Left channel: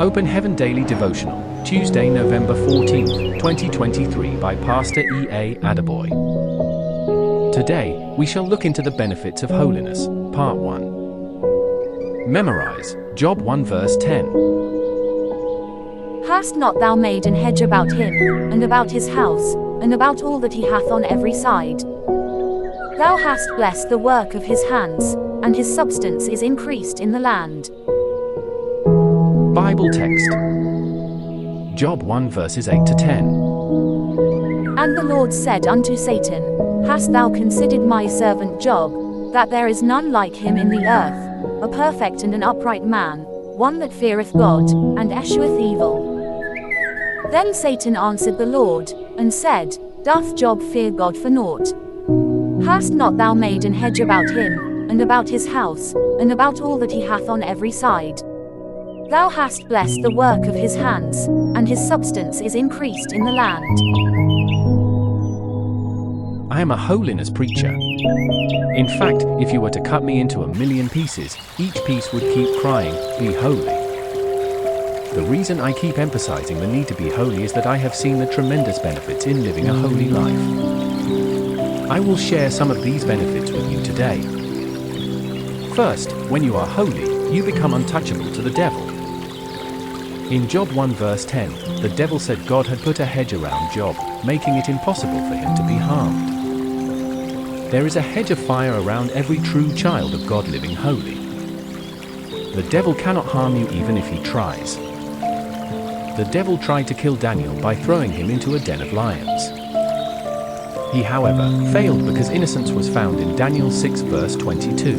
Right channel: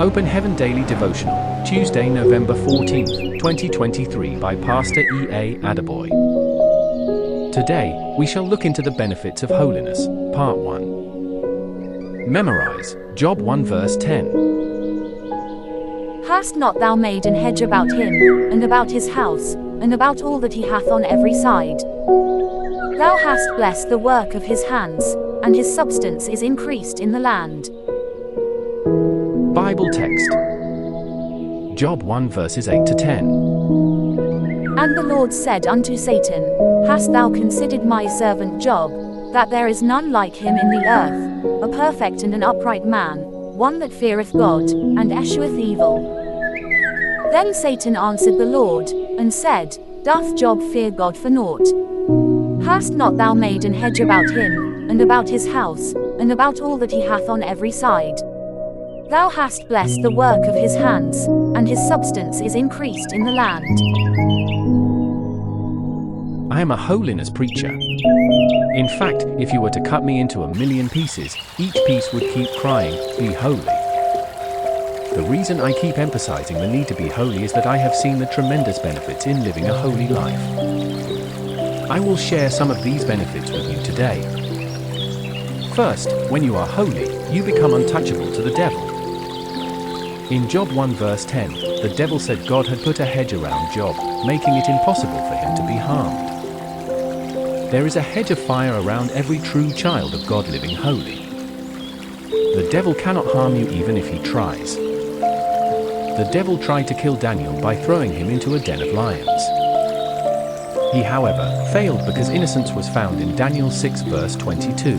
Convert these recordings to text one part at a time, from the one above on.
Open Heaven Daily Devotional, Tuesday, November 14th, 2023 by Pastor E.A Adeboye. Today, we shall look into the benefits of holiness, Part 1. Memorize, Job 1 verse 10. Hast not thou made an hedge about him, and about his house, and about all that he hath on every side? Thou hast blessed the work of his hands, and his substance is increased in the land. Bible text. Job 1 verses 8 to 10. And the Lord said unto Satan, Hast thou considered my servant Job, that there is none like him in the earth, a perfect and an upright man, one that feareth God, and escheweth evil? Then Satan answered the Lord, and said, Doth Job fear God for naught? Hast not thou made an hedge about him, and about his house, and about all that he hath on every side? Thou hast blessed the work of his hands, and his substance is increased in the land. I am a holiness preacher. In fact, if you were to cut me into 1,000,000 pieces, each piece would keep crying, "Be holy." The reason I keep emphasizing the need to be holy is that I have seen the tremendous benefits in living a holy life. I will share some of these benefits with you today. First, when you are holy, you become untouchable to the devil. In Job 1 verse 10, the devil said God had put a hedge around Job, making it impossible for him to be harmed. There is a hedge of fire around every true child of God living holy. The devil cannot harm you even if he tries. The devil tried to kill Daniel by throwing him into a den of lions. He, however, failed because innocence was found in Daniel 6 verse 22.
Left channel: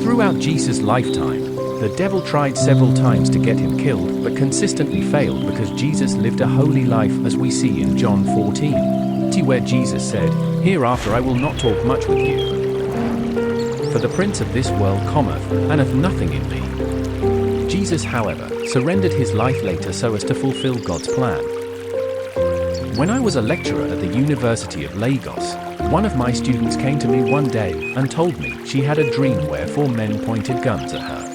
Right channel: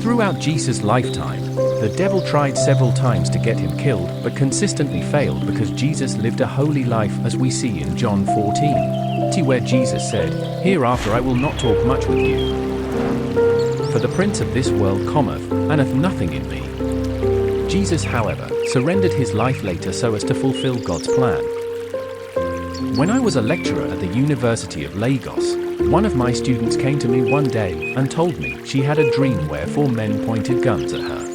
Throughout Jesus' lifetime, the devil tried several times to get him killed, but consistently failed because Jesus lived a holy life, as we see in John 14, where Jesus said, Hereafter I will not talk much with you. For the prince of this world cometh, and hath nothing in me. Jesus, however, surrendered his life later so as to fulfill God's plan. When I was a lecturer at the University of Lagos, one of my students came to me one day and told me she had a dream where 4 men pointed guns at her.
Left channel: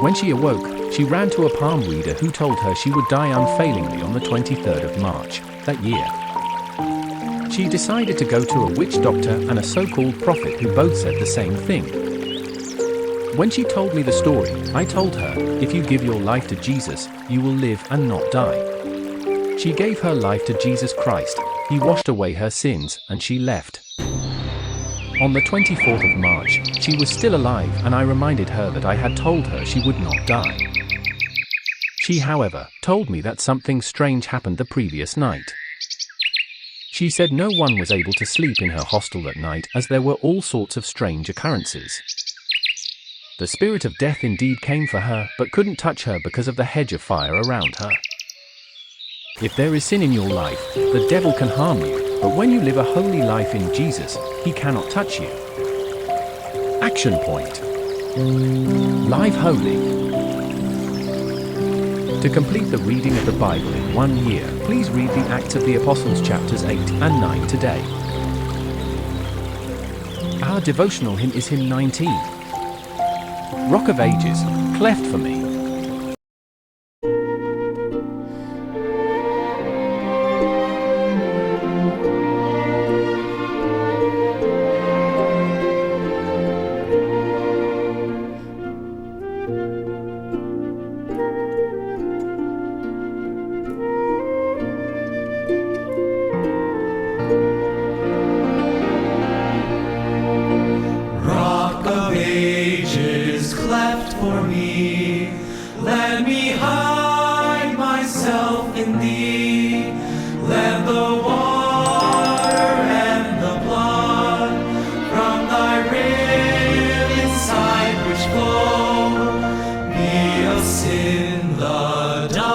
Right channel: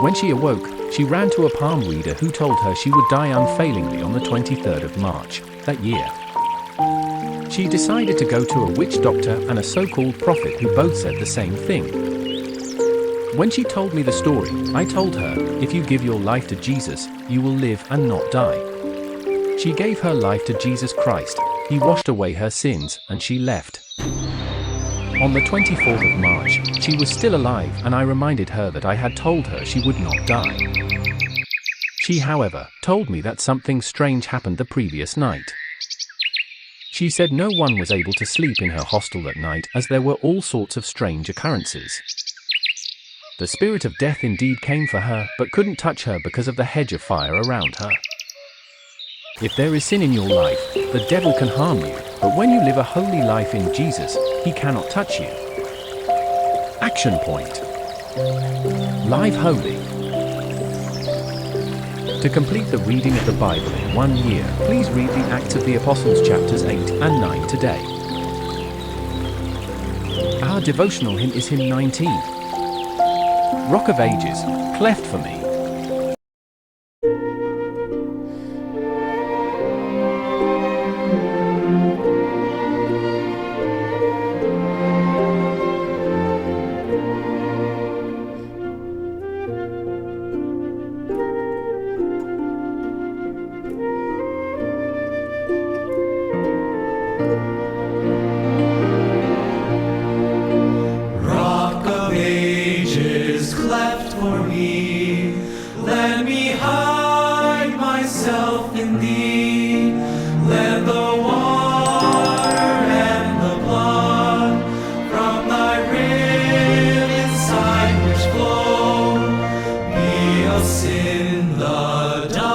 When she awoke, she ran to a palm reader who told her she would die unfailingly on the 23rd of March that year. She decided to go to a witch doctor and a so-called prophet who both said the same thing. When she told me the story, I told her, if you give your life to Jesus, you will live and not die. She gave her life to Jesus Christ. He washed away her sins, and she left. On the 24th of March, she was still alive, and I reminded her that I had told her she would not die. She, however, told me that something strange happened the previous night. She said no one was able to sleep in her hostel that night as there were all sorts of strange occurrences. The spirit of death indeed came for her, but couldn't touch her because of the hedge of fire around her. If there is sin in your life, the devil can harm you, but when you live a holy life in Jesus, he cannot touch you. Action point. Live holy. To complete the reading of the Bible in 1 year, please read the Acts of the Apostles chapters 8 and 9 today. Our devotional hymn is hymn 19. Rock of Ages, cleft for me. Ages cleft for me, let me hide myself in thee. Let the water and the blood from thy rib inside which flow be of sin the dust.